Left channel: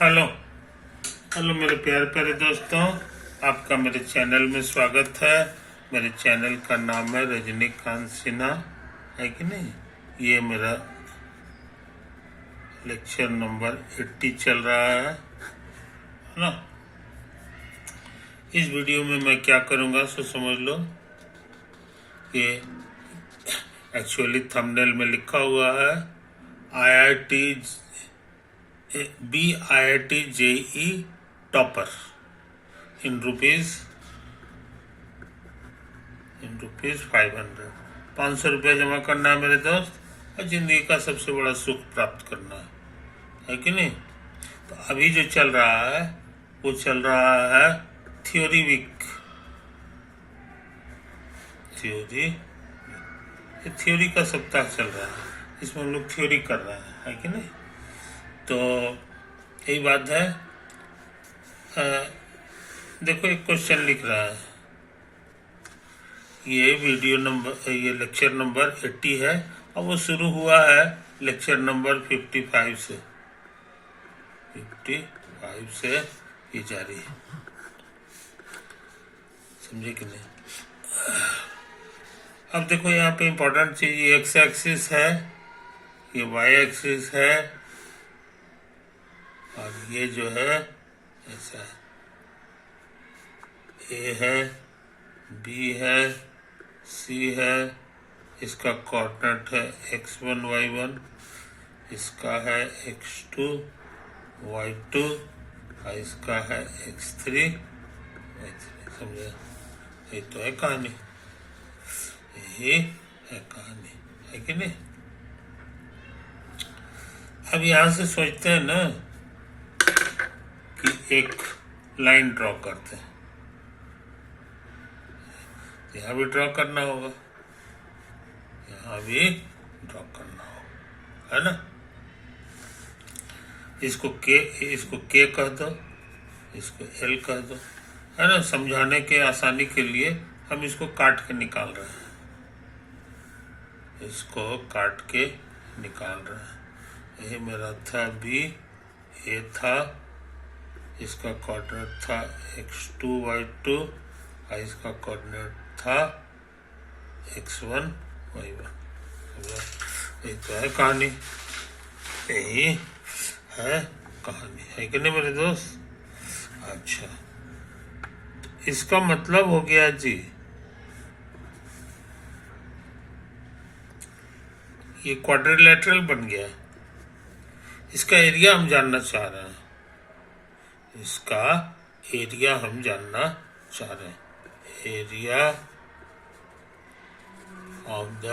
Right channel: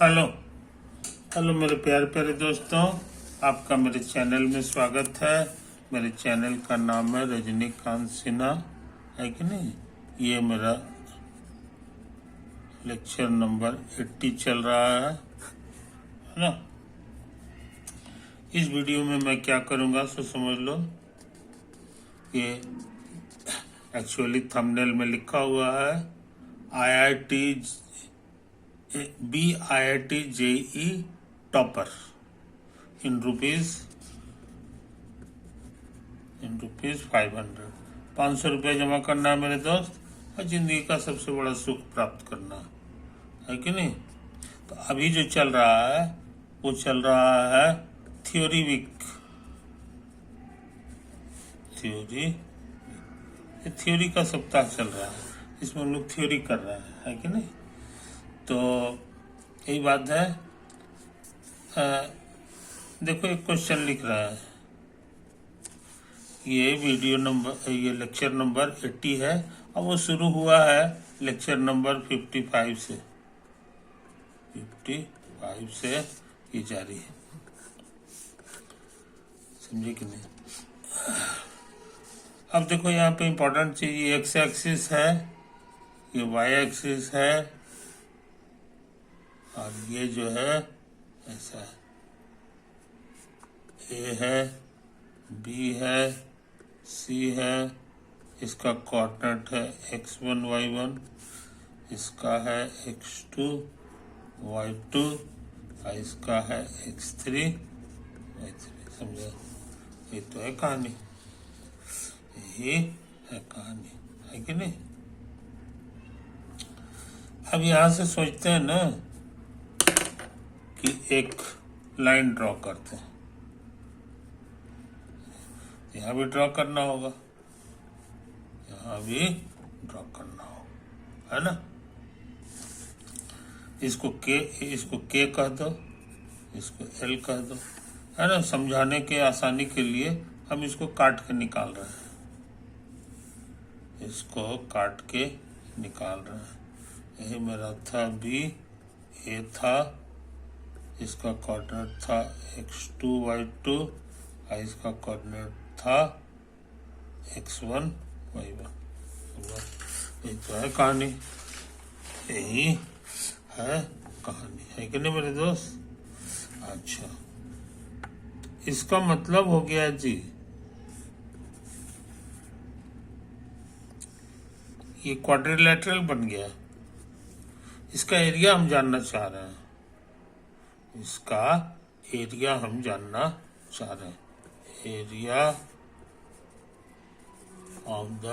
Hello hello मेरे प्यारे प्यारे दोस्तों, आपका मेरे चैनल में स्वागत है। मेरे चैनल का नाम है रजनीकांत सिन्हा, है कि नहीं। ये मेरा लेक्चर नंबर 80 चल रहा है ना। इस वीडियो में मैं क्या करूँगा सो समझ लो। ये एक्चुअली थंबनेल में लिखा हुआ है IIT JE topper in rupees 500। 500 रुपया जमा करना है मेरे दोस्त, और ज़िंदगी का सबसे बड़ा सुख प्राप्त करना है कि नहीं। तो अभी जो चल रहा है वो चल रहा है थ्योरी वीक। थ्योरी का सप्ताह चल रहा है, इसमें हम लोग थ्योरी कर रहे हैं, है कि नहीं। तो यही बात है। देखो एक क्वेश्चन लिख रहा है, ये लेक्चर नंबर 80 है, और वो शुरू हुआ है लेक्चर नंबर 55 से। 55 से ये जारी है, समझे कि नहीं। अब देखो यहाँ पे इम्पोर्टेंट चीज, ये एक्स एक्सिस है, ये वाई एक्सिस है, और ये जो है ऐसा है, ए है, बी है, सी है, इसका कोऑर्डिनेट है x1 y1, इसका है x2 y2, और इसका है x3 y3। समझा, ये तो है कहानी, यही है कहानी, है कि नहीं। अब यहां से सोचते हैं ना कि एक लाइन ड्रॉ करते हैं, यहाँ भी ड्रॉ करना होगा, यहाँ भी ड्रॉ करना होगा, है ना। इसको के कह दो, इसको एल कह दो, है ना। समझाने के आसानी के लिए हम इसको काट के निकाल रहे हैं, इसको काट के निकाल रहे हैं। ये मेरा था बी, ए था, इसका कोऑर्डिनेट था x2 y2, और इसका कोऑर्डिनेट था x1 y1। यही तो है कहानी, यही है कहानी, है कि नहीं मेरे दोस्त। अच्छा, तो इसका मतलब हो गया जी, ये क्वाड्रिलेटरल बन गया। इसका एरिया हम जानना चाह रहे हैं, इसका एरिया हम जानना चाह रहे हैं। Area of the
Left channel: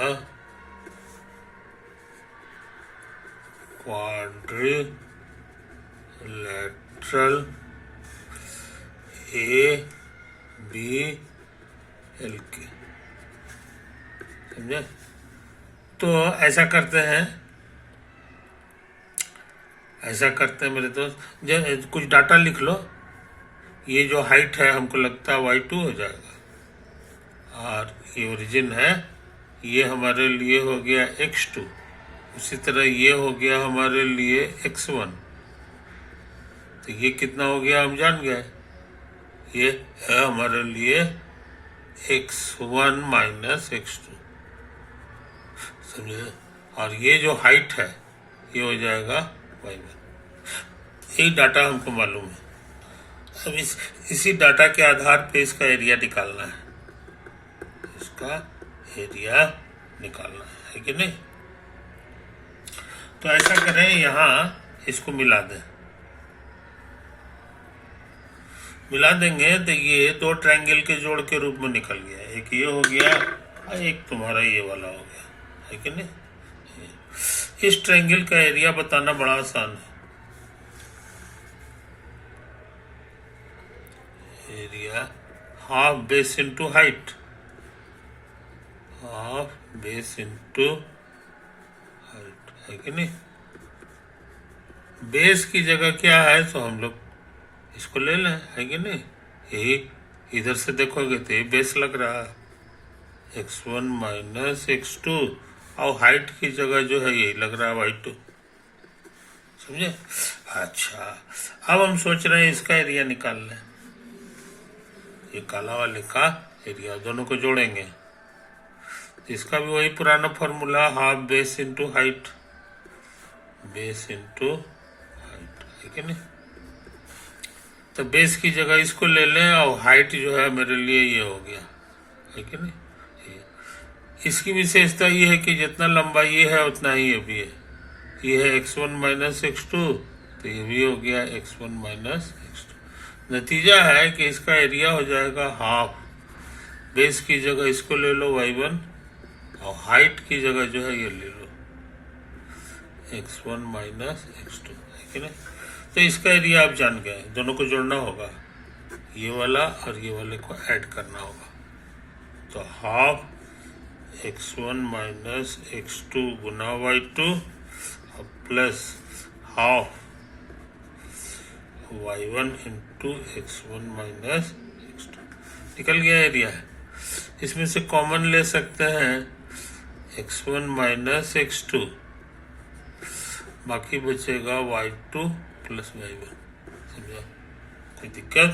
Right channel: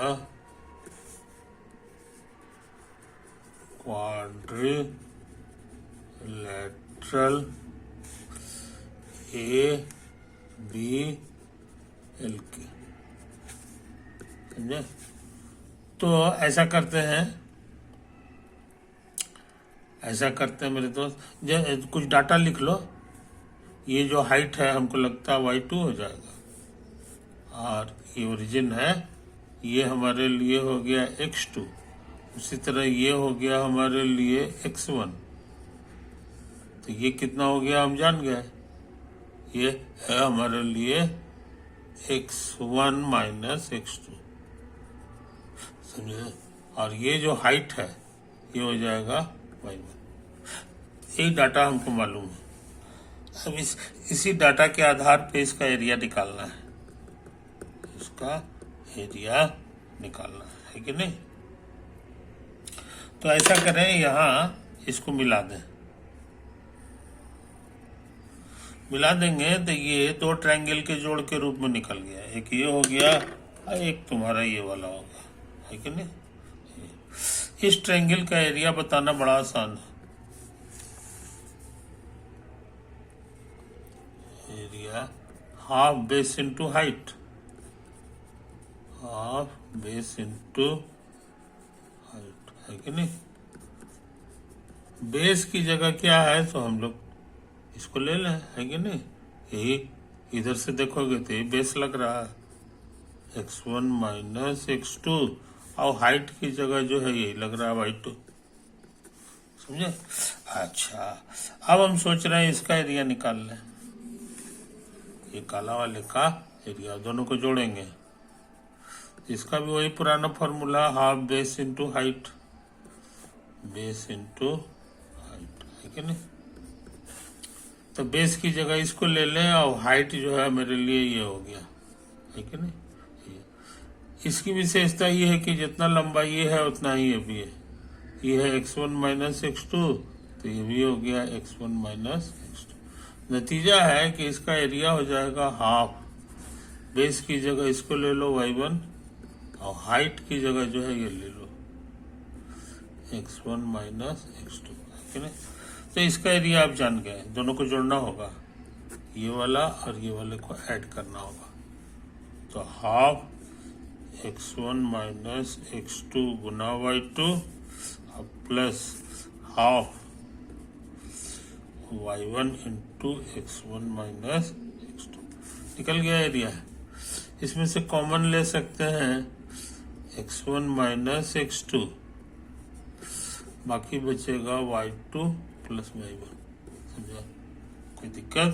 quadrilateral ABLK, समझे। तो ऐसा करते हैं मेरे दोस्त, कुछ डाटा लिख लो। ये जो हाइट है हमको लगता है y2 हो जाएगा, और ये ओरिजिन है, ये हमारे लिए हो गया x2, उसी तरह ये हो गया हमारे लिए x1। तो ये कितना हो गया हम जान गए, ये है हमारे लिए x1 माइनस x2, समझे। और ये जो हाइट है ये हो जाएगा y1। यही डाटा हमको मालूम है। अब इसी डाटा के आधार पे इसका एरिया निकालना है, इसका एरिया निकालना है कि नहीं। तो ऐसा करें, यहाँ इसको मिला देंगे तो ये दो ट्रायंगल के जोड़ के रूप में निकल गया। एक ये हो गया और एक तुम्हारा ये वाला हो गया, है कि नहीं। इस ट्रायंगल का एरिया बताना बड़ा आसान है। Area half base into height, half base into height, है कि नहीं। बेस की जगह क्या है तो हम लोग इसको ले लें, है कि नहीं। यही इधर से देखोगे तो ये बेस लग रहा है, x1 माइनस x2, और हाइट की जगह जो है यही लग रहा है y2, समझे। अच्छा, अब हम सोच रहे हैं इसका एरिया निकाल लें। ये काला वाले का एरिया दोनों को जोड़ेंगे, इसका भी वही पुराना formula, half base into height, base into height, है कि नहीं। तो बेस की जगह इसको ले लें और हाइट जो है मेरे लिए ये हो गया, है कि नहीं। इसकी विशेषता ये है कि जितना लंबा ये है उतना ही ये भी है। ये है x1 माइनस x2, तो ये भी हो गया x1 माइनस x2। नतीजा है कि इसका एरिया हो जाएगा हाफ, बेस की जगह इसको ले लो y1 और हाइट की जगह जो है ये ले लो x1 माइनस x2, है कि नहीं। तो इसका एरिया आप जान गए, दोनों को जोड़ना होगा, ये वाला और ये वाले को ऐड करना होगा। तो हाफ x1 माइनस x2 गुना y2 और plus half y1 into x1 minus x2, निकल गया एरिया है। इसमें से कॉमन ले सकते हैं x1 माइनस x2, बाकी बचेगा y2 प्लस y1, समझा, कोई दिक्कत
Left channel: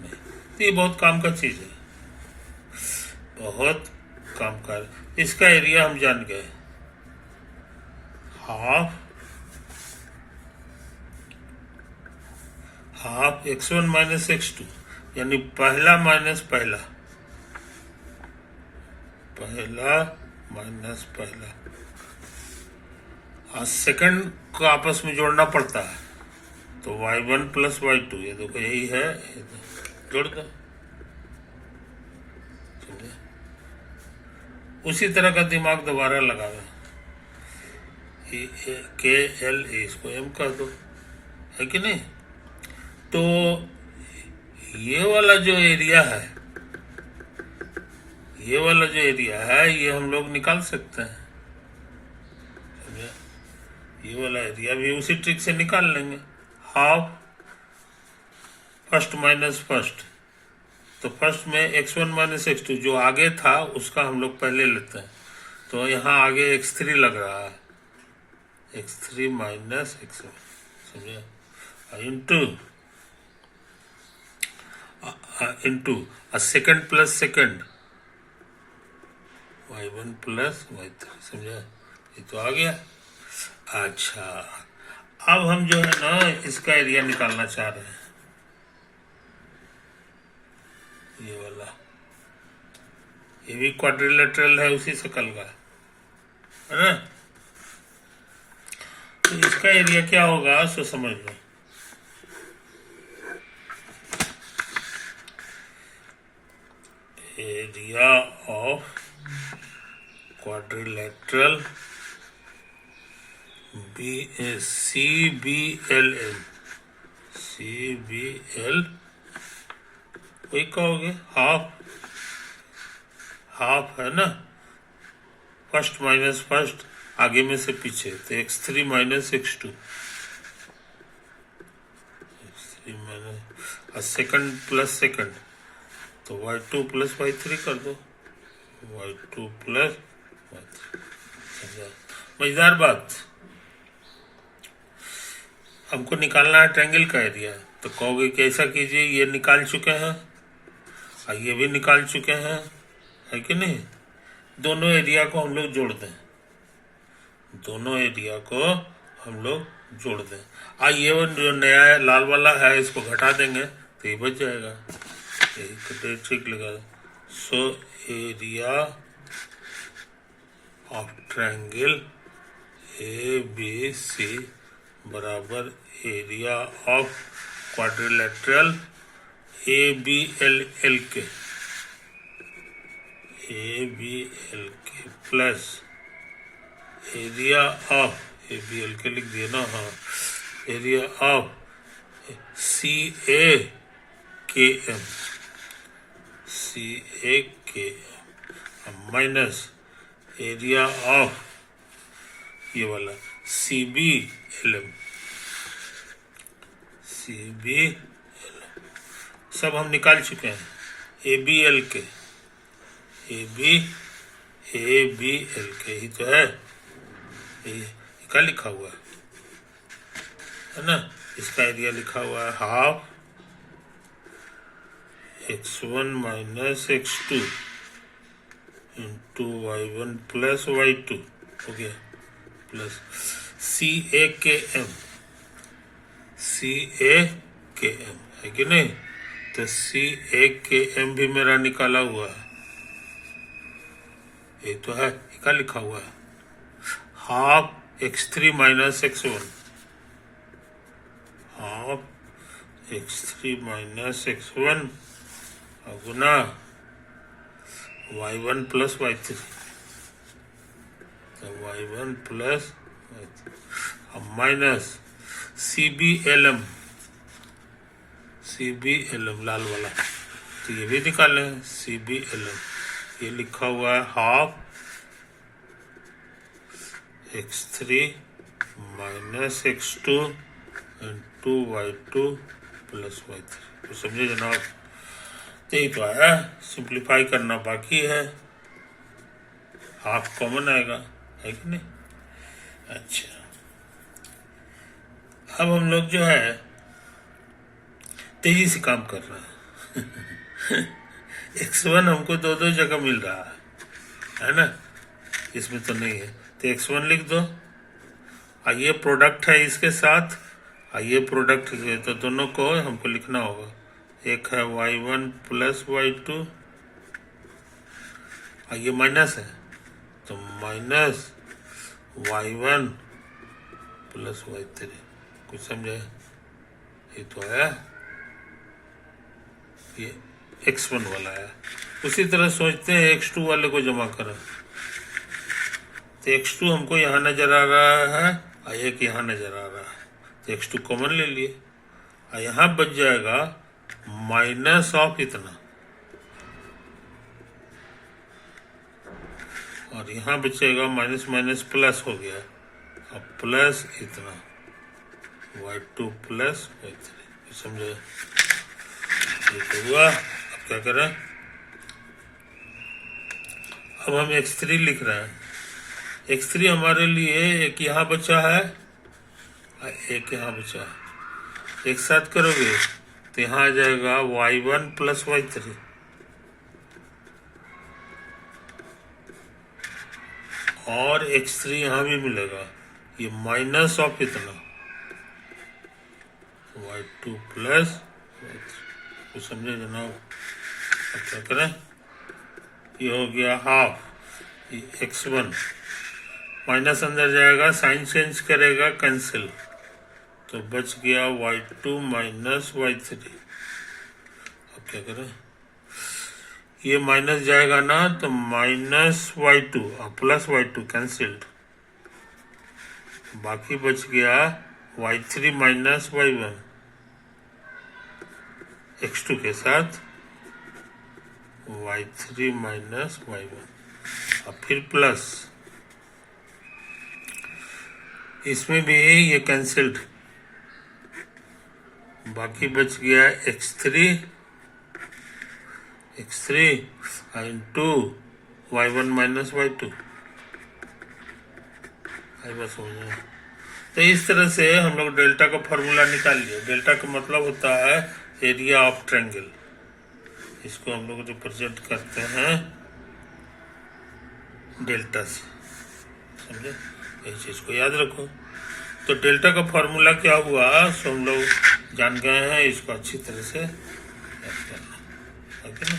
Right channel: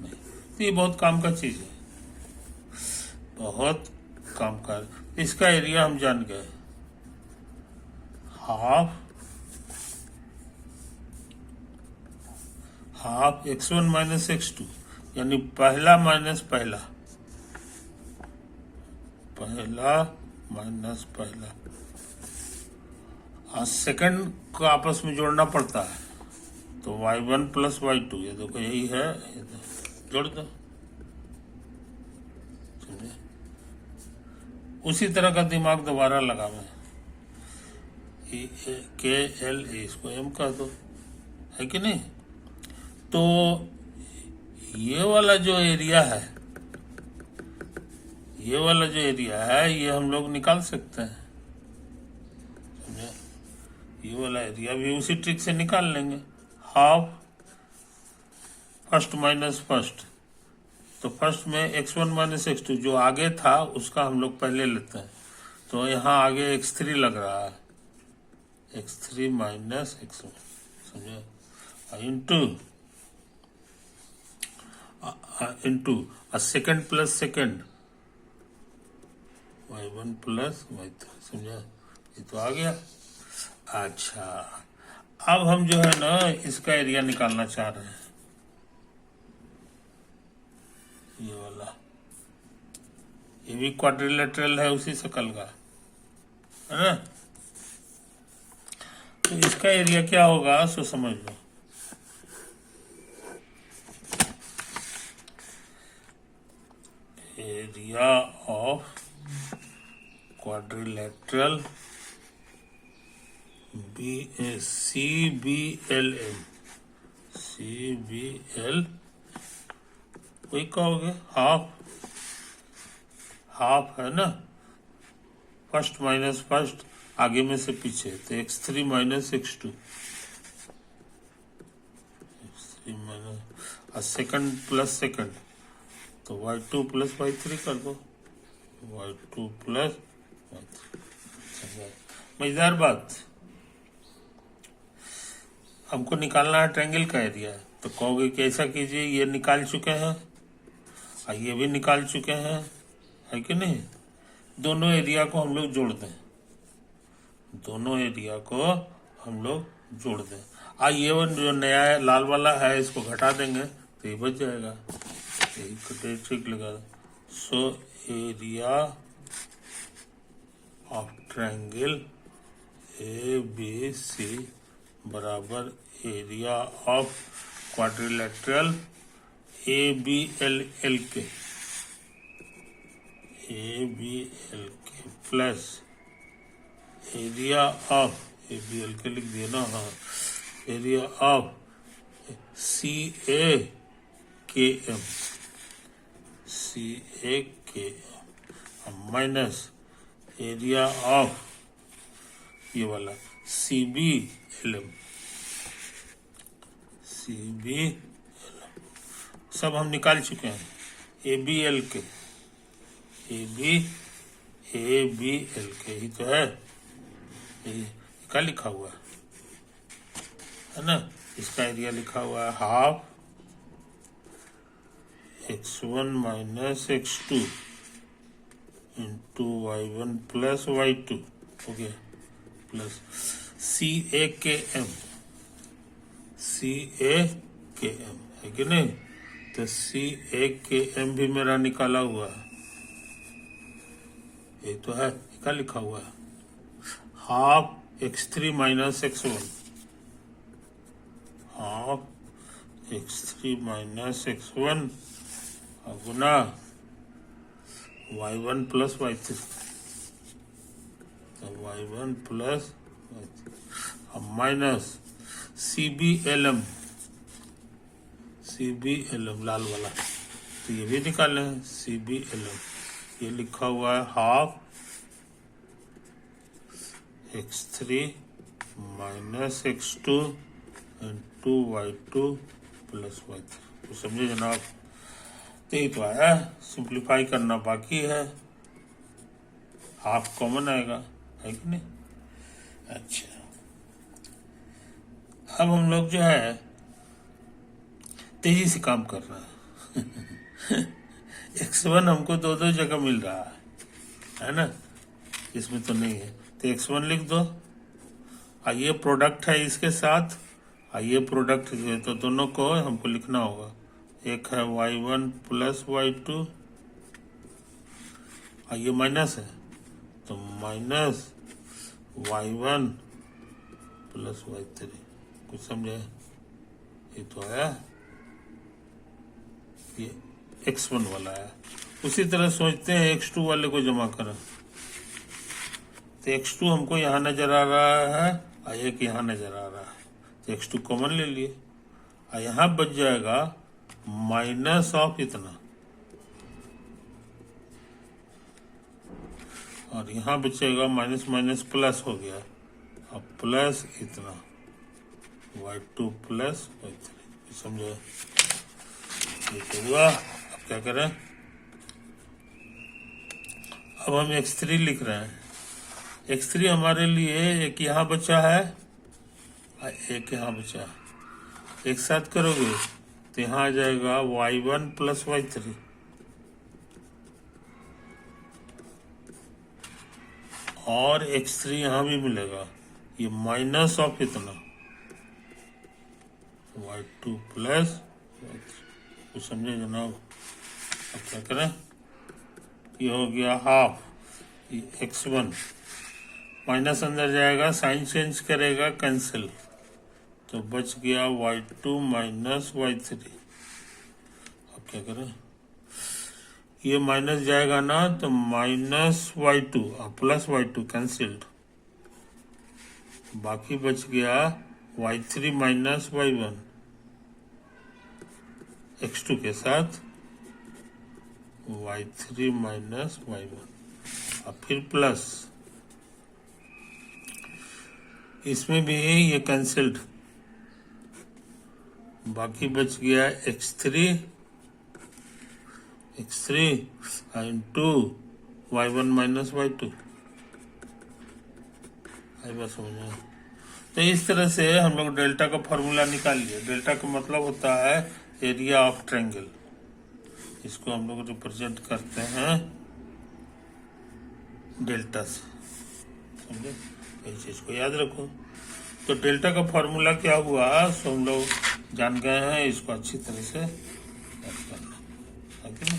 नहीं। तो ये बहुत काम का चीज है, बहुत काम का। इसका एरिया हम जान गए, हाफ x1 माइनस x2, यानी पहला माइनस पहला, पहला माइनस पहला, और सेकंड को आपस में जोड़ना पड़ता है, तो y1 प्लस y2, ये देखो यही है, जोड़ दो, उसी तरह का दिमाग दोबारा लगाना, के एल इसको एम कर दो, है कि नहीं। तो ये वाला जो एरिया है, ये वाला जो एरिया है ये हम लोग निकाल सकते हैं, समझे। ये वाला एरिया भी उसी ट्रिक से निकाल लेंगे, हाफ फर्स्ट माइनस फर्स्ट, तो फर्स्ट में x1 माइनस x2 जो आगे था उसका हम लोग पहले लेते हैं, तो यहाँ आगे x3 लग रहा है, x3 माइनस x1, समझे, into second plus second y1 plus y3, समझा, ये तो आ गया। अच्छा, अब हम जो है ना इसका एरिया निकालना चाह रहे हैं, ये वाला, ये भी क्वाड्रिलेटरल है उसी शक्ल का, है ना। तो इसका एरिया क्या होगा सो समझ लो, एरिया ऑफ क्वाड्रिलेटरल CBLM, वही कहोगे, हाफ है ना, फर्स्ट माइनस फर्स्ट, आगे में से पीछे, तो x3 माइनस x2, और सेकंड प्लस सेकंड, तो y2 प्लस y3 कर दो, y2 प्लस y3, मजेदार बात। हमको निकालना है ट्रायंगल का एरिया, तो कहोगे कि ऐसा कीजिए, ये निकाल चुके हैं और ये भी निकाल चुके हैं, है कि नहीं। दोनों एरिया को हम लोग जोड़ दें, दोनों एरिया को हम लोग जोड़ दें, ये जो नया लाल वाला है इसको घटा देंगे तो ये बच जाएगा, यही ठीक लगा। So area of triangle ABC बराबर एरिया ऑफ क्वाड्रिलेटरल ABL के प्लस एरिया ऑफ ABL के लिख दिया ना, हाँ, area of CAKM minus area of ये वाला CBLM, सब हम निकाल चुके हैं। ABL के ही तो है, ये क्या लिखा हुआ है ना। इसका एरिया लिखा हुआ है half x1 minus x2 into y1 plus y2 हो गया, प्लस CA है कि नहीं? तो CA भी मेरा निकाला हुआ है, ये तो है, क्या लिखा हुआ है? Half x3 minus x1, half x3 minus x1 गुना y1 प्लस y3, तो y1 प्लस y3 अब माइनस CBLM लाल वाला, तो ये भी निकालें CBLM, ये लिखा हुआ है half x3 minus x2 into y2 plus y3, तो समझे जनाब? तो यही तो आया, सिंप्लीफाई करना बाकी है, हाफ कॉमन आएगा, है कि नहीं? अच्छा, अब हम लोग जो है तेजी से काम कर रहे हैं x1 हमको दो जगह मिल रहा है ना, इसमें तो नहीं है, तो x1 लिख दो, ये प्रोडक्ट है इसके साथ, ये प्रोडक्ट है, तो दोनों को हमको लिखना होगा, एक है y1 प्लस y2, ये माइनस है, तो माइनस y1 प्लस y3, कुछ समझे? ये तो है, ये x1 वाला है। उसी तरह सोचते हैं x2 वाले को जमा करें, तो x2 हमको यहाँ नजर आ रहा है और एक यहाँ नजर आ रहा है, तो x2 कॉमन ले लिए, और यहाँ बच जाएगा माइनस ऑफ इतना, और यहाँ बचेगा माइनस माइनस प्लस हो गया, अब प्लस इतना y2 प्लस y3, समझे? ये तो हुआ। अब क्या करें? अब हम x3 लिख रहे हैं, x3 हमारे लिए एक यहाँ बचा है और एक यहाँ बचा है, एक साथ करोगे तो यहाँ आ जाएगा y1 प्लस y3, और x3 यहाँ भी मिलेगा, ये माइनस ऑफ इतना y2 प्लस y3, तो समझे जनाब? अब क्या करें? ये हो गया हाफ x1, माइनस अंदर जाएगा, साइन चेंज करेगा, कैंसिल, तो बच गया y2 माइनस y3। अब क्या करें? ये माइनस जाएगा ना, तो माइनस y2 और प्लस y2 कैंसिल्ड, बाकी बच गया y3 माइनस y1 x2 के साथ y3 माइनस y1, और फिर प्लस, इसमें भी ये कैंसिल्ड, बाकी बच गया x3 into y1 minus y2, बस हो जाए। तो इस तरह से हम लोग डेल्टा का फॉर्मूला निकाल लिया। डेल्टा का मतलब होता है एरिया ऑफ ट्रायंगल, इसको हम लोग रिप्रेजेंट करते हैं डेल्टा से, समझे? इस चीज को याद रखो। तो डेल्टा का फॉर्मूला क्या हुआ सो हम लोग जान गए हैं, इसको अच्छी तरह से याद करना है कि नहीं?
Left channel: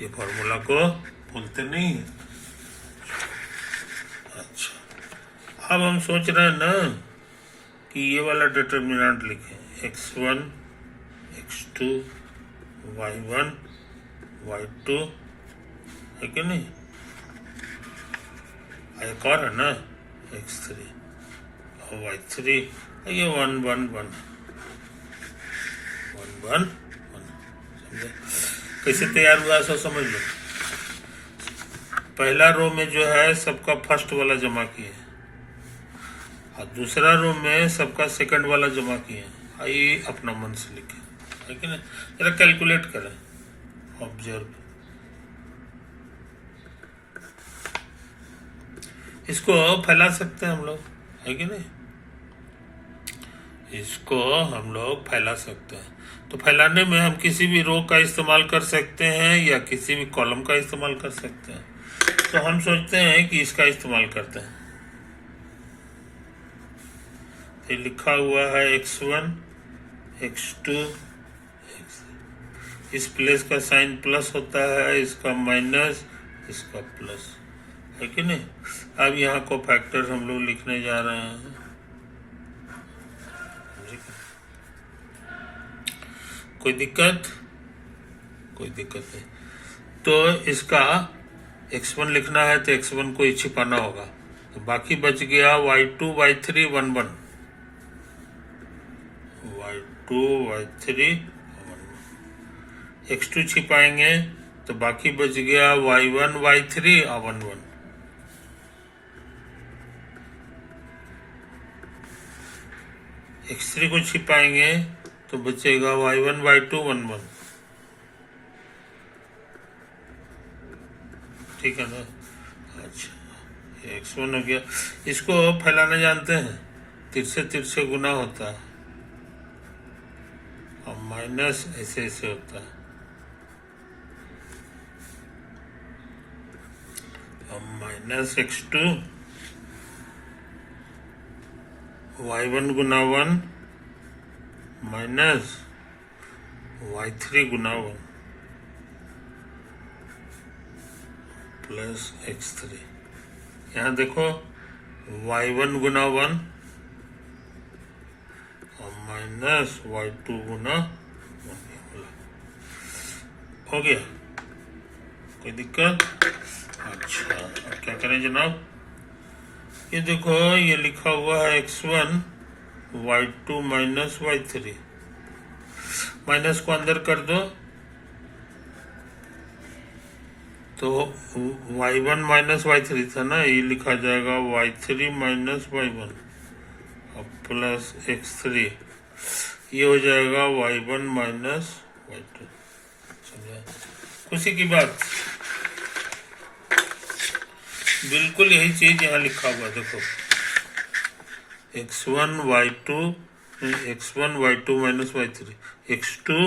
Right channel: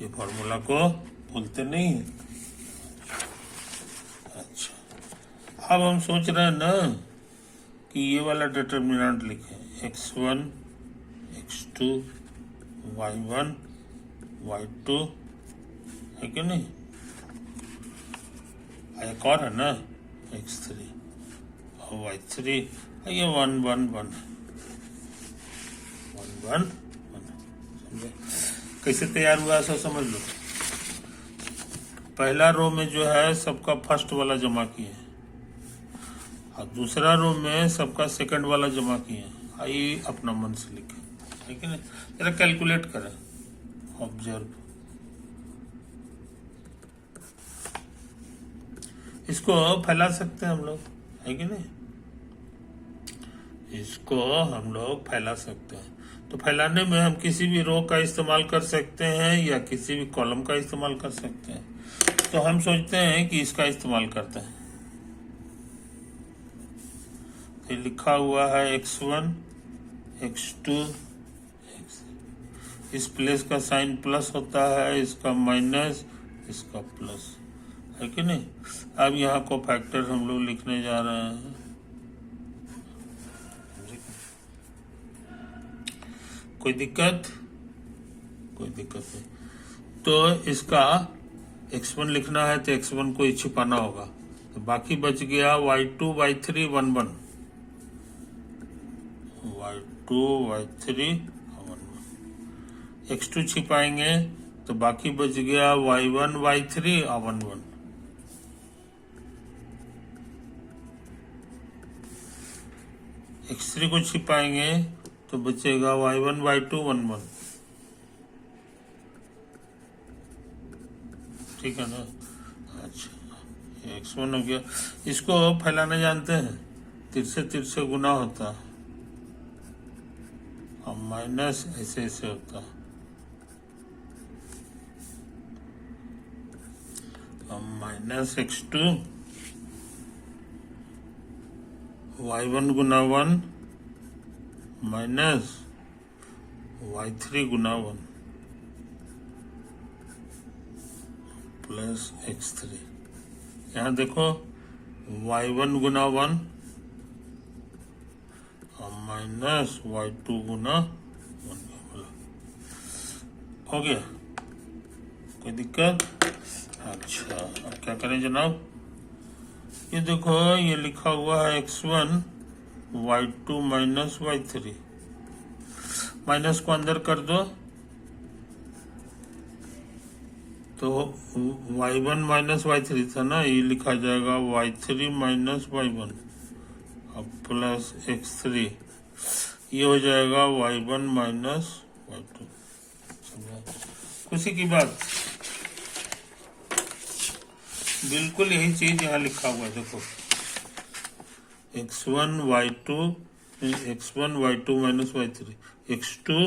ये फॉर्मूला को भूलते नहीं। अच्छा, अब हम सोच रहे हैं ना कि ये वाला डिटर्मिनेंट लिखें, x1 x2 y1 y2, है कि नहीं? एक और है ना x3 और y3, ये 1 1 1 1 1 1, समझे? कैसे तैयार हुआ सो समझ लो। पहला रो में जो है सबका फर्स्ट वाला जमा किए, और दूसरा रो में सबका सेकंड वाला जमा किए, आइए अपना मन से लिखे, है कि नहीं? जरा कैलकुलेट करें, ऑब्जर्व, इसको फैला सकते हैं हम लोग, है कि नहीं? इसको हम लोग फैला सकते हैं। तो फैलाने में हम किसी भी रो का इस्तेमाल कर सकते हैं या किसी भी कॉलम का इस्तेमाल कर सकते हैं। तो हम सोचते हैं कि इसका इस्तेमाल करते हैं। तो लिखा हुआ है x1 x2 इस प्लस का साइन प्लस होता है, इसका माइनस, इसका प्लस, है कि नहीं। अब यहाँ को फैक्टर हम लोग लिखने जा रहे हैं। कोई दिक्कत? कोई दिक्कत नहीं। तो इसका x1 लिखना है तो x1 को ही छिपाना होगा। तो बाकी बच गया y2 y3 1 1, y2 y3 1 1, x2 छिपाएंगे तो बाकी बच गया y1 y3 1 1, x3 को छिपाएंगे तो बचेगा y1 y2 1 1, ठीक है ना। अच्छा, ये x1 हो गया। इसको फैलाना जानते हैं, तिरछे तिरछे गुना होता है और माइनस ऐसे ऐसे होता है। और माइनस x2 y1 गुना 1 माइनस y3 गुना 1 प्लस x3। यहाँ देखो y1 गुना 1 और माइनस y2 गुना 1 हो गया। कोई दिक्कत? अच्छा, अब क्या करें जनाब? ये देखो, ये लिखा हुआ है x1 y2 minus y3, minus को अंदर कर दो तो y1 माइनस y3 था ना, ये लिखा जाएगा y3 माइनस y1 और प्लस x3, ये हो जाएगा y1 माइनस y2। समझा? खुशी की बात, बिल्कुल यही चीज यहाँ लिखा हुआ है। देखो x1 y2 minus y3, x2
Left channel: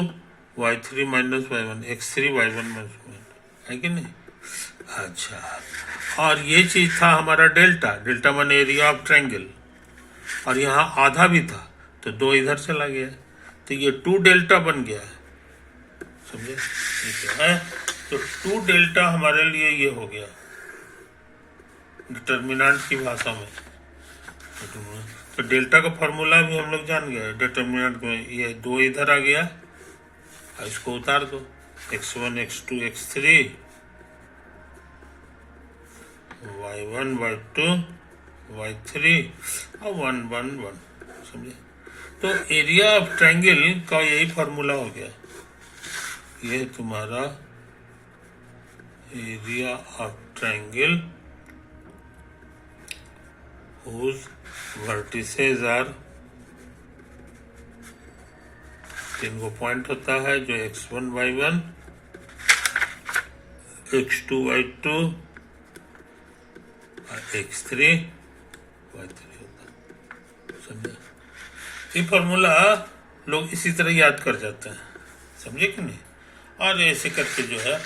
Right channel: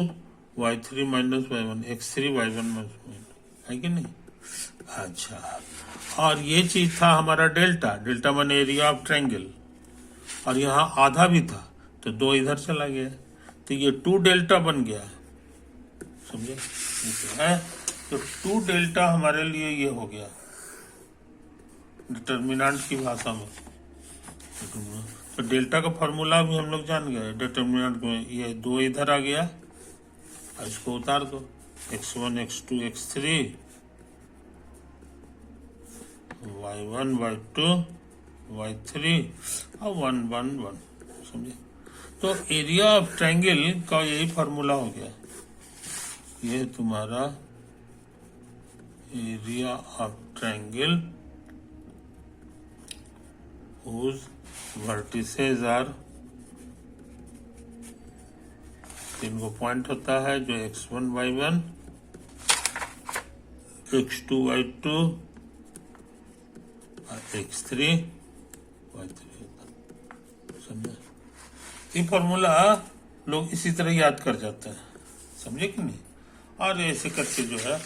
y3 minus y1, x3 y1 minus y1, है कि नहीं। अच्छा, और ये चीज था हमारा डेल्टा, डेल्टा माने एरिया ऑफ ट्रायंगल, और यहाँ आधा भी था तो 2 इधर चला गया, तो ये 2 डेल्टा बन गया है। समझे? ठीक है, तो 2 डेल्टा हमारे लिए ये हो गया डिटर्मिनेंट की भाषा में। तो डेल्टा का फॉर्मूला भी हम लोग जान गए डिटर्मिनेंट में। ये 2 इधर आ गया और इसको उतार दो, x1 x2 x3 y1 y2 y3 और 1 1 1। समझे? तो एरिया ऑफ ट्रायंगल का यही फॉर्मूला हो गया। ये तुम्हारा area of triangle whose vertices are, 3 को पॉइंट होता है जो x1 y1 x2 y2 और x3 y3 होता है। समझे? ये फॉर्मूला लोग इसी तरह याद कर जाते हैं, समझे कि नहीं। और ऐसे करके जो है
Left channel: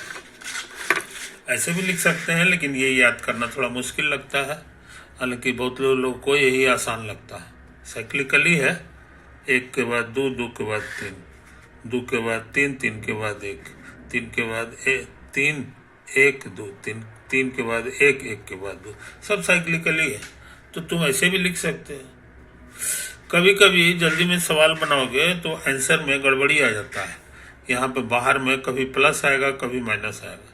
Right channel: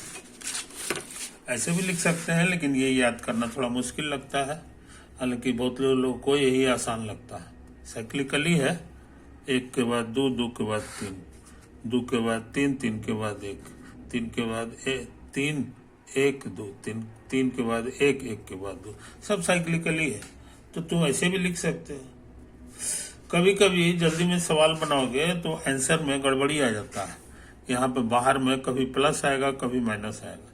ऐसे भी लिख सकते हैं, लेकिन ये याद करना थोड़ा मुश्किल लगता है, हालांकि बहुत लोगों को यही आसान लगता है। साइक्लिकली है, 1 के बाद 2 2 के बाद 3 2 के बाद 3 3 के बाद 1 3 के बाद 3 1 2 3 3 के बाद 1 1 के बाद 2, सब साइक्लिकली है। तो तुम ऐसे भी लिख सकते हो। कभी कभी जल्दी में सवाल बनाओगे तो आंसर में गड़बड़ी आ जाता है, यहाँ पे बाहर में कभी प्लस आएगा कभी माइनस आएगा।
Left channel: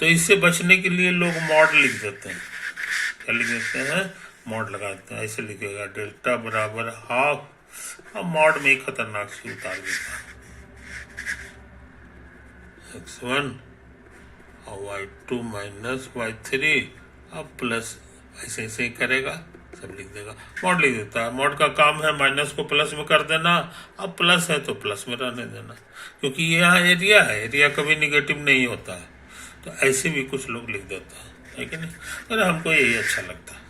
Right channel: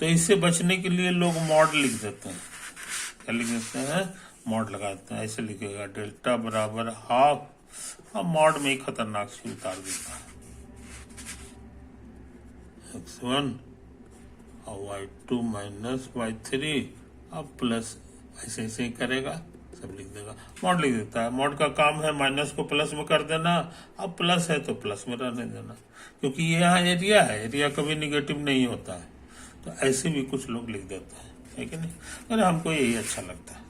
तो इससे बचने के लिए लोग मॉड लिख देते हैं। क्या लिख देते हैं? मॉड लगाते हैं। ऐसे लिखेगा डेल्टा बराबर हाफ, अब मॉड में ही खतरनाक सी उतार देता है, x1 और y2 माइनस y3 अब प्लस, ऐसे ऐसे ही करेगा, सब लिख देगा, मॉड लिख देता है। मॉड का काम है माइनस को प्लस में कर देना, अब प्लस है तो प्लस में रहने देना, क्योंकि ये यहाँ एरिया है, एरिया कभी निगेटिव नहीं होता है। तो ऐसे भी कुछ लोग लिख देते हैं, है कि नहीं। अरे हमको यही अच्छा लगता है,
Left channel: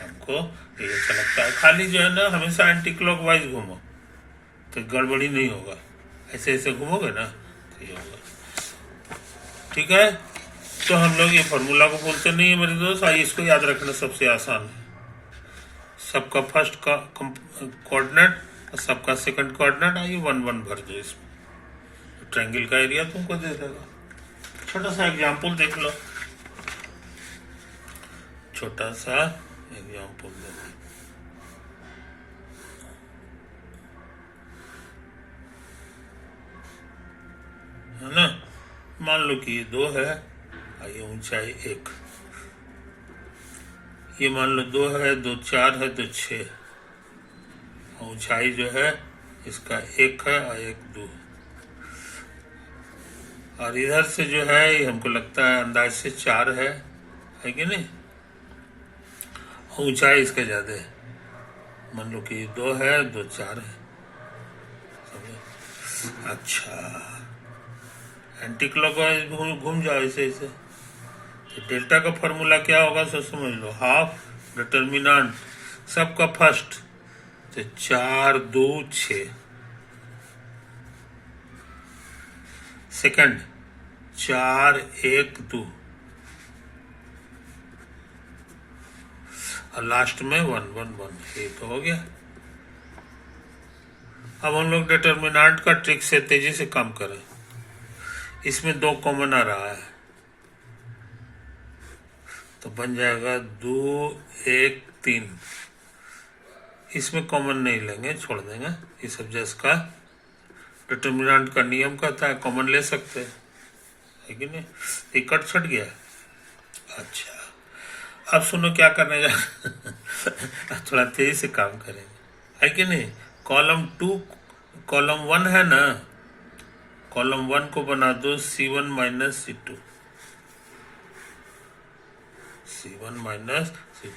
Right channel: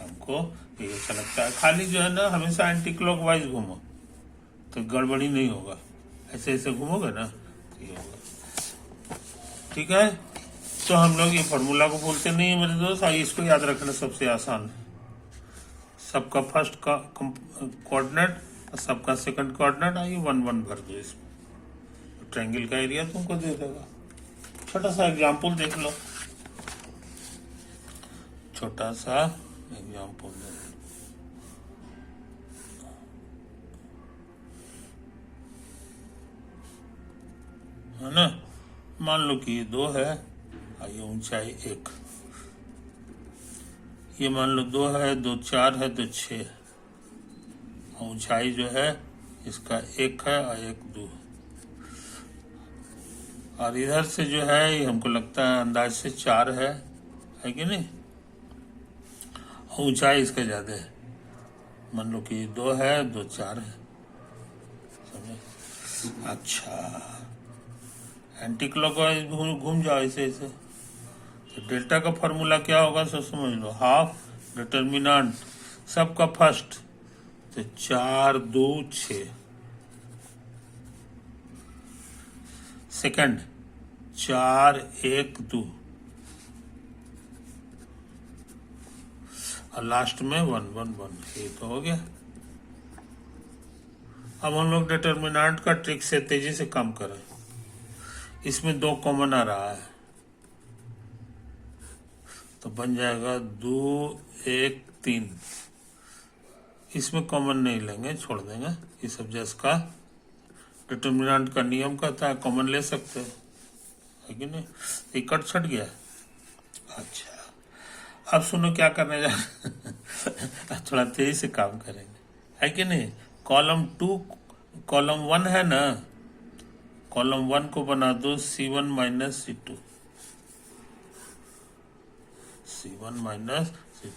हमको ये अच्छा लगता है। खाली जो है ना हमेशा एंटी क्लॉकवाइज घूमो तो गड़बड़ी नहीं होगा, ऐसे ऐसे घूमोगे ना तो ये होगा। ठीक है, तो हम लोग ये फार्मूला को बोलते नहीं है मेरे दोस्त। आइए इसको याद रखना सबसे आसान है। सबका फर्स्ट का कोऑर्डिनेट और सबका सेकंड कोऑर्डिनेट, आइए 1 1 भर दो इसमें, ट्रायंगल का एरिया तुमको दे देगा। छोटा सा एग्जाम्पल देख लो, छोटा सा एग्जाम्पल दे दो। है ना, मान लो कि ये 2 है, ये ऊंचाई 1, ये मान लो 2 है, 2 4 है, 2 6, ऊंचाई जो है इसका 1 है और 1 2, और इधर से जो है ये हमको लगता है अंदाज से 4 है कि नहीं, ऊंचाई इसका ज्यादा है। मान लो कि 2 है, 2 4 है। अच्छा, एंटी क्लॉकवाइज घूम जाओ ऐसे ऐसे। तो डेल्टा का फॉर्मूला क्या होगा सो समझ लो, हाफ डिटर्मिनेंट सबका फर्स्ट तो 4 2 6, सेकंड 4 1 2, और लास्ट में 1 1 1। ये तो हो गया। अब हम लोग डिटर्मिनेंट का ट्रिक से तेजी से काम करें। इसमें 2 कॉमन आ रहा है तो बन जाएगा 2 1 3। इसमें कॉमन नहीं लेंगे, छोड़ देंगे। ये सब जिसका डिटर्मिनेंट का नियम कहता है कॉमन ले सकते हैं, है कि नहीं। ये कट छट गया। अच्छा, अब सुनो क्या करने जा थोड़ा तेजी से काम करेंगे, है कि नहीं। कॉलम 2 कॉलम 1 है ना, कॉलम 1 को बना दो C1 minus C2, C1 minus C2।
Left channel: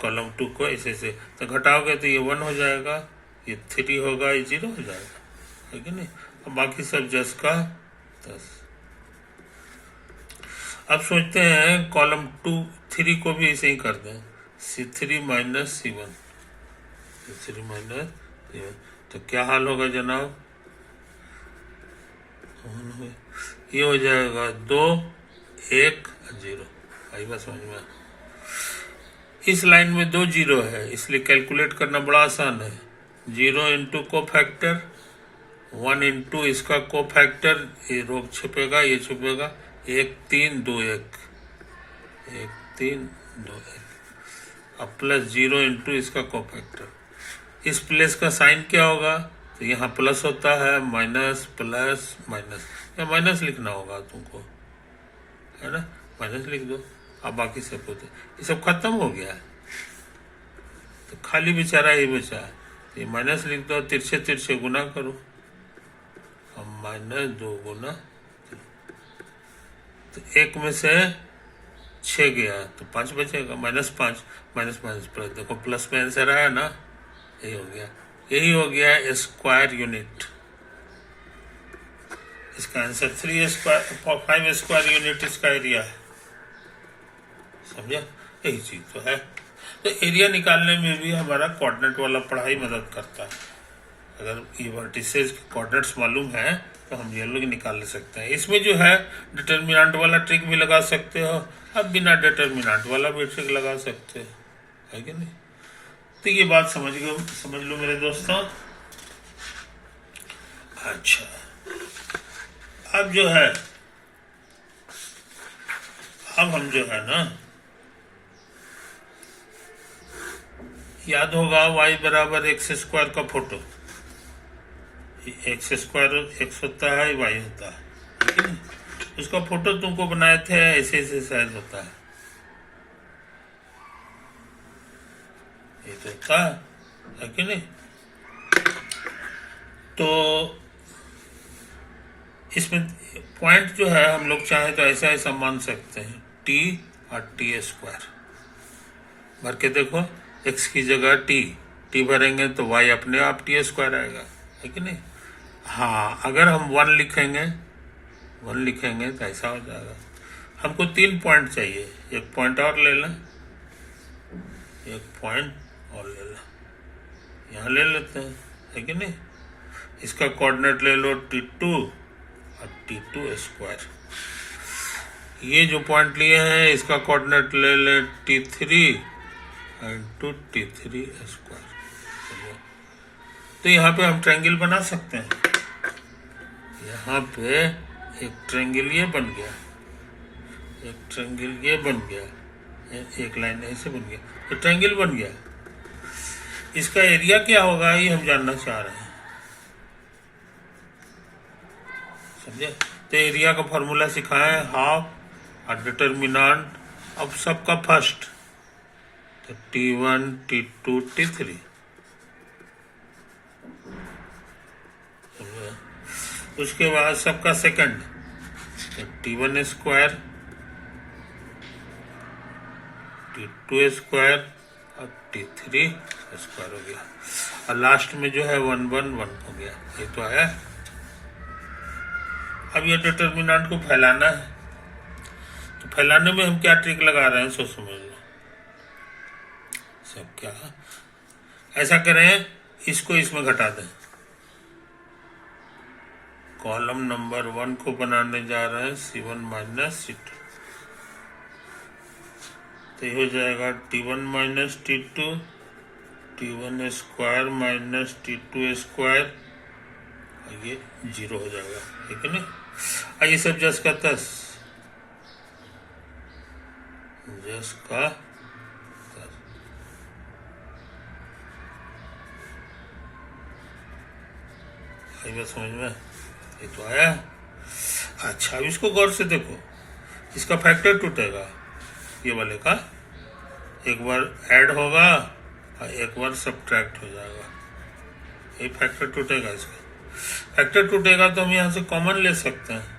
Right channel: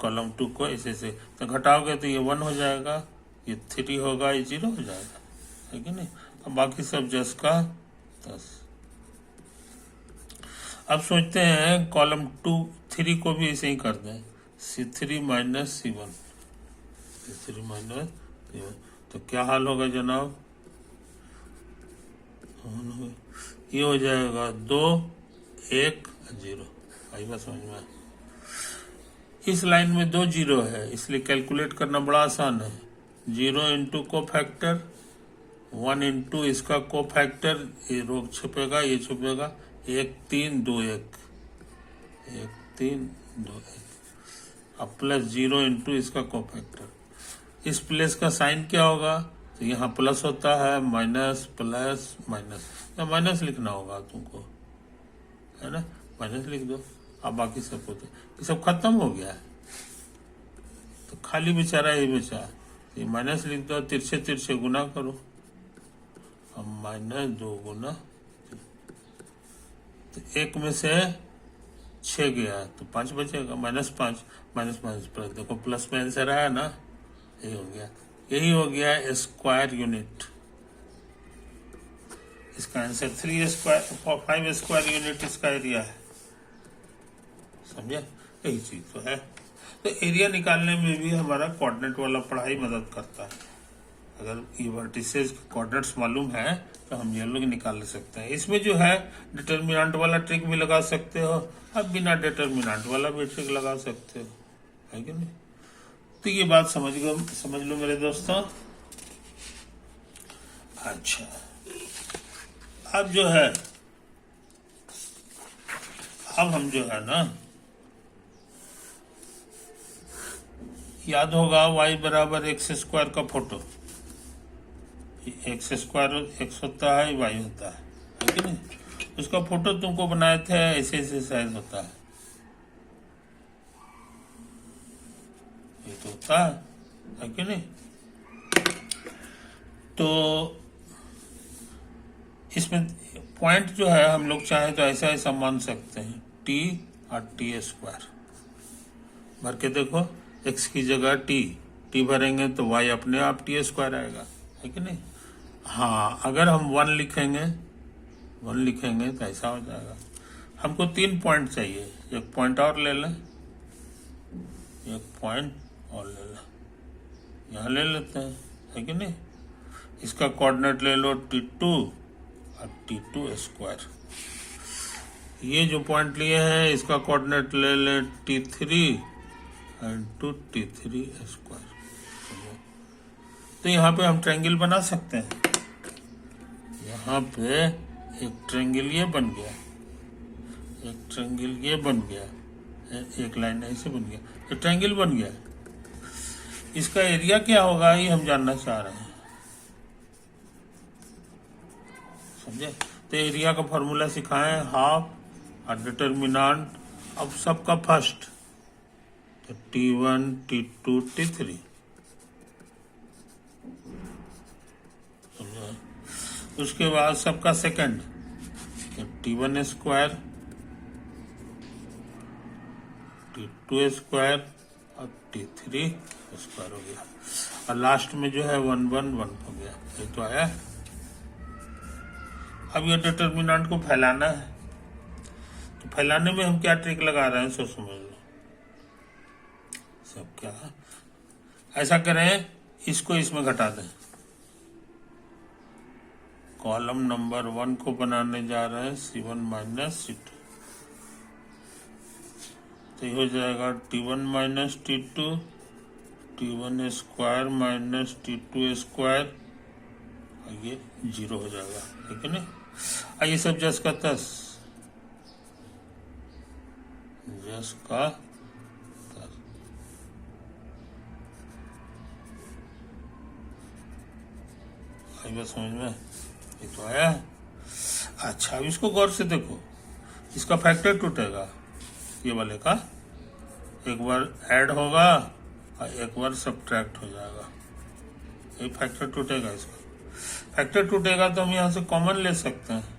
Column 2 को ऐसे से तो घटाओगे तो ये 1 हो जाएगा, ये 3 होगा, ये 0 हो जाएगा, है कि नहीं। अब बाकी सब जस का 10। अब सोचते हैं कॉलम 2 3 को भी ऐसे ही कर दें, C3 minus C1, C3 minus C1। तो क्या हाल होगा जनाब, ये हो जाएगा 2 1 0। आई बात समझ में। इस लाइन में 2 0 है, इसलिए कैलकुलेट करना बड़ा आसान है। 0 इंटू को फैक्टर, 1 इंटू इसका को फैक्टर, ये रोग छुपेगा, ये छुपेगा, 1 3 2 1, 1 3 2 1, अब प्लस 0 इंटू इसका को फैक्टर। इस प्लस का साइन क्या होगा, तो यहाँ प्लस होता है, माइनस प्लस माइनस, या माइनस लिखना होगा तुमको, है ना, माइनस लिख दो। अब बाकी सब होते, ये सब खत्म हो गया है तो खाली बेचारा ये बचा है, तो ये माइनस लिख दो, तिरछे तिरछे गुना करो, अब माइनस 2 गुना, तो 1 में से 6 गया तो 5 बचेगा, -5 माइनस प्लस, देखो प्लस में आंसर आया ना, यही हो गया, यही हो गया स्क्वायर यूनिट। इसका आंसर 3 स्क्वायर 5 स्क्वायर यूनिट इसका एरिया है, समझा। यही चीज तो है। तो एरिया निकालने में भी हमारा कोऑर्डिनेट वाला पढ़ाई मदद करता है। अगर ये वर्टिसेस के कोऑर्डिनेट्स मालूम है तो हम ये लोग निकाल सकते हैं। इसमें जो है डिटर्मिनेंट वाला ट्रिक भी लगा सकते हो, अब बिना डिटर्मिनेंट वाला भी ट्रिक लगा सकते हो, है कि नहीं। तो ये बात समझ लो मेरे दोस्तों। अच्छा, अब जो है, अब हम जो है ना, याद होगा y बराबर x स्क्वायर का फोटो, x स्क्वायर x होता है, y होता है कि नहीं। उसका फोटो तुमको बनाए थे, ऐसे ऐसे साइज होता है, ये तो होता है कि नहीं। तो इसमें पॉइंट जो है हम लोग चाहे तो ऐसा ऐसा मान सकते हैं, t और t स्क्वायर भर के देखो, x की जगह t भरेंगे तो y अपने आप t स्क्वायर आएगा, है कि नहीं। हाँ, अगर हम 1 लिखेंगे तो ऐसा हो जाएगा। हमको 3 पॉइंट चाहिए, एक पॉइंट और ले लें, एक पॉइंट और ले लो, यहाँ ले लेते हैं, है कि नहीं। इसका कोऑर्डिनेट ले लो T2 और T2 स्क्वायर। ये जो पॉइंट लिए हैं इसका कोऑर्डिनेट ले ले T3 इंटू T3 स्क्वायर। तो यहाँ पे हम ट्रायंगल बना सकते हैं। यहाँ पे एक ट्रायंगल ये बन गया, एक ट्रायंगल ये बन गया, एक लाइन ऐसे बन गया, तो ट्रायंगल बन गया। इसका एरिया क्या होगा ये हम जानना चाह रहे हैं, समझे। तो एरिया का फॉर्मूला सिखाएं, हाफ और डिटर्मिनेंट अब सबका फर्स्ट, तो T1 T2 T3, समझे। उसके बाद सबका सेकंड, तो T1 स्क्वायर T2 स्क्वायर और T3 स्क्वायर हो गया, और लास्ट में जो है 1 1 1 हो गया। ये तो आया। अब ये डिटर्मिनेंट को फैलाना है, तो फैलाने में हम क्या ट्रिक लगा रहे हैं सो समझ लो। सब क्या, ऐसा करें, इसको इसमें घटा दें। कॉलम नंबर 1 को बनाने जा रहे हैं C1 माइनस C2, तो ये हो जाएगा T1 minus T2, T1 square minus T2 square, और ये 0 हो जाएगा, ठीक है ना। ये सब जस का तस, जस का तस। आई बात समझ में, ये तो आया। अच्छा, अब इसको गौर से देखो, इसका फैक्टर टूटेगा, ये वाले का एक बार ऐड होगा और एक बार सब्ट्रैक्ट हो जाएगा, ये फैक्टर टूटेगा। इसका फैक्टर टूटेगा तो हम यहाँ से कॉमन ले सकते हैं।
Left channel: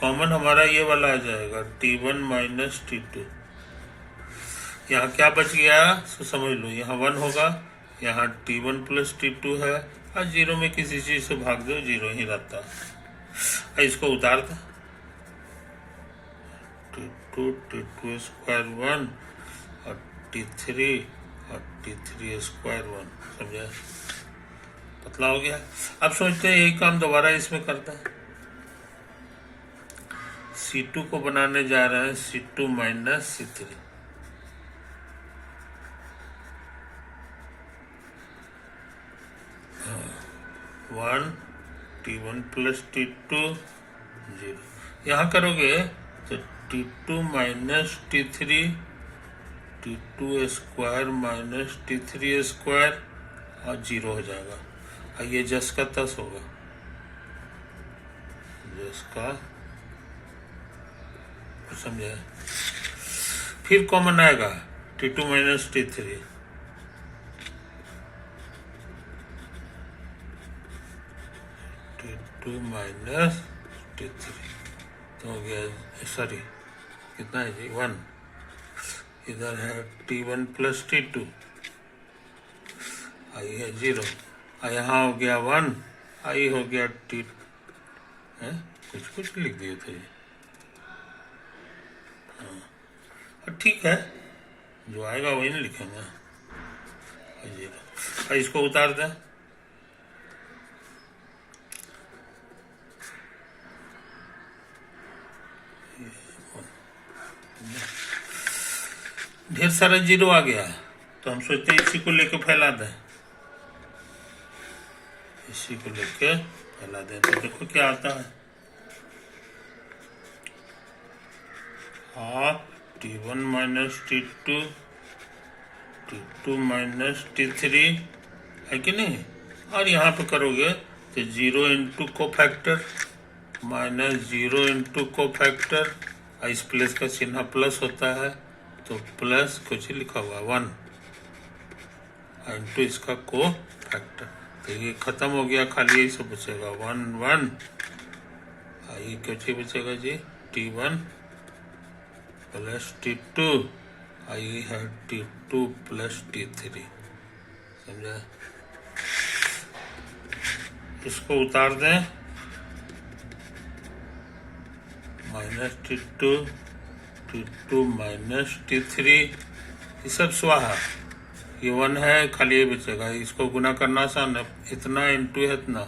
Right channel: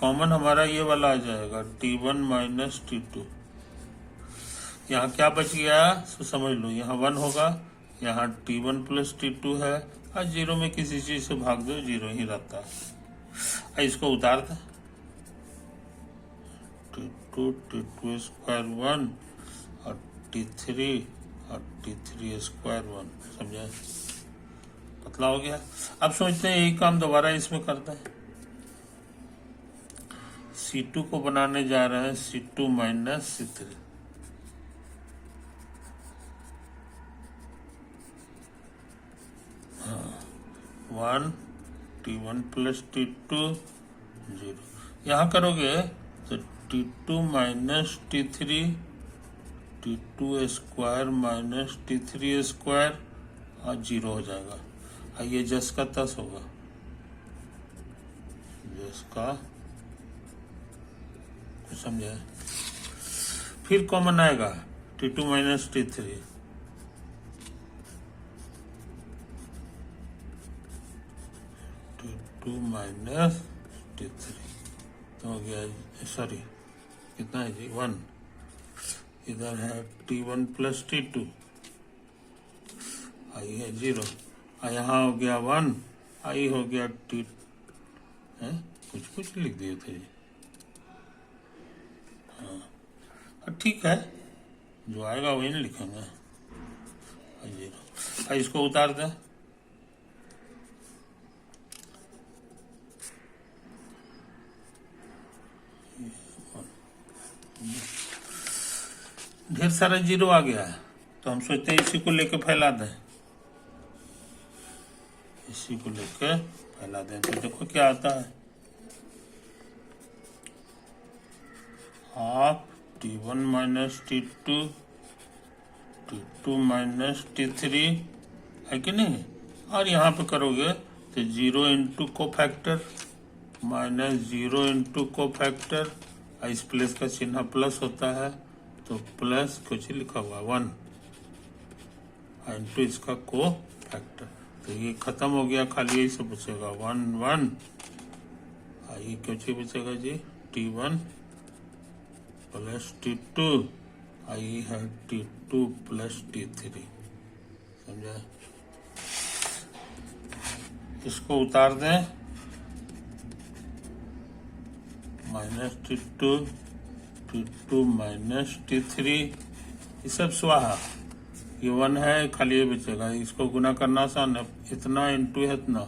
कॉमन हमारा ये वाला आ जाएगा T1 माइनस T2। यहाँ क्या बच गया तो समझ लो, यहाँ 1 होगा, यहाँ T1 प्लस T2 है, और 0 में किसी चीज से भाग दो 0 ही रहता है। इसको उतार दो, T2 स्क्वायर 1 और T3 स्क्वायर 1, समझे, पतला हो गया। अब सोचते हैं यही काम दोबारा इसमें करते हैं। C2 को बनाने जा रहे हैं C2 minus C3, 1 T1 plus T2 0। यहाँ करोगे तो T2 minus T3, T2 square minus T3 square और 0 हो जाएगा, और ये जस का तस होगा, जस का, समझे। फिर कॉमन आएगा T2 minus T3, T2 minus T3, तो हो गया, सॉरी कितना है जी, 1। इधर है T1 प्लस T2, आई है 0, और यहाँ हो गया 1, आई हो गया T, कुछ कुछ लिख दिए थे। हाँ, ठीक है, जो आएगा वही नहीं लिखेंगे। 0, इसको उतार दें, ढेर सारा 0 आ गया, तो हम सोचते हैं इसी को लेके फैला दें, इसी को लेके फैला दें। तो देखो क्या आता है, half T1 minus T2, T2 minus T3, है कि नहीं। और यहाँ पे करोगे तो 0 इंटू को फैक्टर माइनस 0 इंटू को फैक्टर, इस प्लस का चिन्ह प्लस होता है, तो प्लस कुछ लिखा हुआ 1 इंटू इसका को फैक्टर, तो ये खत्म हो गया, खाली यही सब बचेगा 1 1, ये कुछ बचेगा जी T1 प्लस T2, ये है T2 प्लस T3, समझा। इसको उतार दें, माइनस T2 माइनस T3, ये सब स्वाहा, ये 1 है, खाली ये बचेगा, इसको गुना करना आसान है, इतना इंटू है इतना,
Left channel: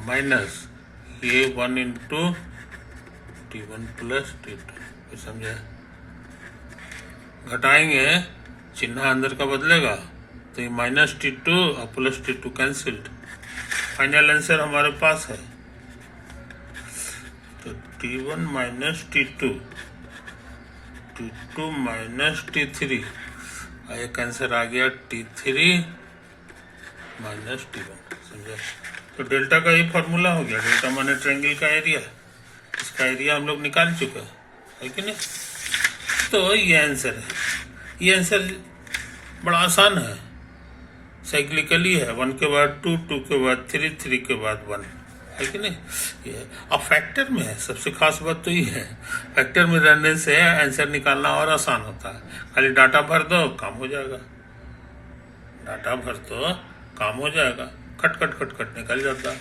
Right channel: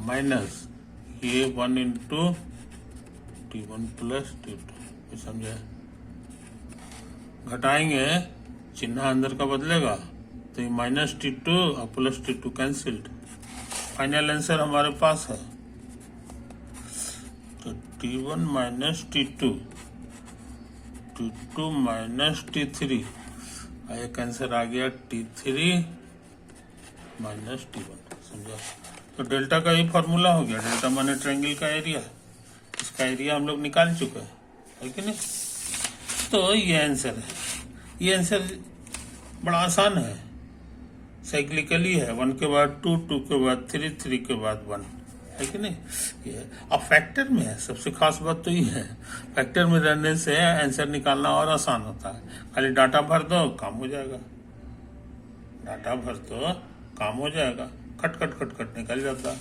माइनस ये 1 इंटू T1 प्लस T2, समझे? घटाएंगे चिन्ह अंदर का बदलेगा तो ये माइनस T2 और plus T2 cancelled. Final answer हमारे पास है तो T1 minus T2, T2 minus T3, एक आंसर आ गया T3 माइनस T1, समझा? तो डेल्टा का ये फॉर्मूला हो गया। डेल्टा माने ट्रायंगल का एरिया, इसका एरिया हम लोग निकाल चुके है कि नहीं? तो ये आंसर है। ये आंसर बड़ा आसान है, साइक्लिकली है, 1 के बाद 2, 2 के बाद 3, 3 के बाद 1, है कि नहीं? ये अब फैक्टर में है, सबसे खास बात तो ये है, फैक्टर में रहने से आंसर निकालना और आसान होता है। खाली डाटा भर दो, काम हो जाएगा, डाटा भर दो, काम हो जाएगा, खट खट खट खट निकल जाता है,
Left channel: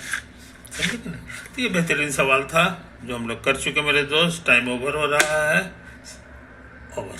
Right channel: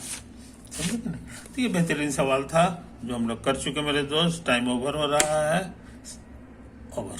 समझे कि नहीं? तो ये बेहतरीन सवाल था जो हम लोग कर चुके मेरे दोस्त। टाइम ओवर हो रहा है, ओवर।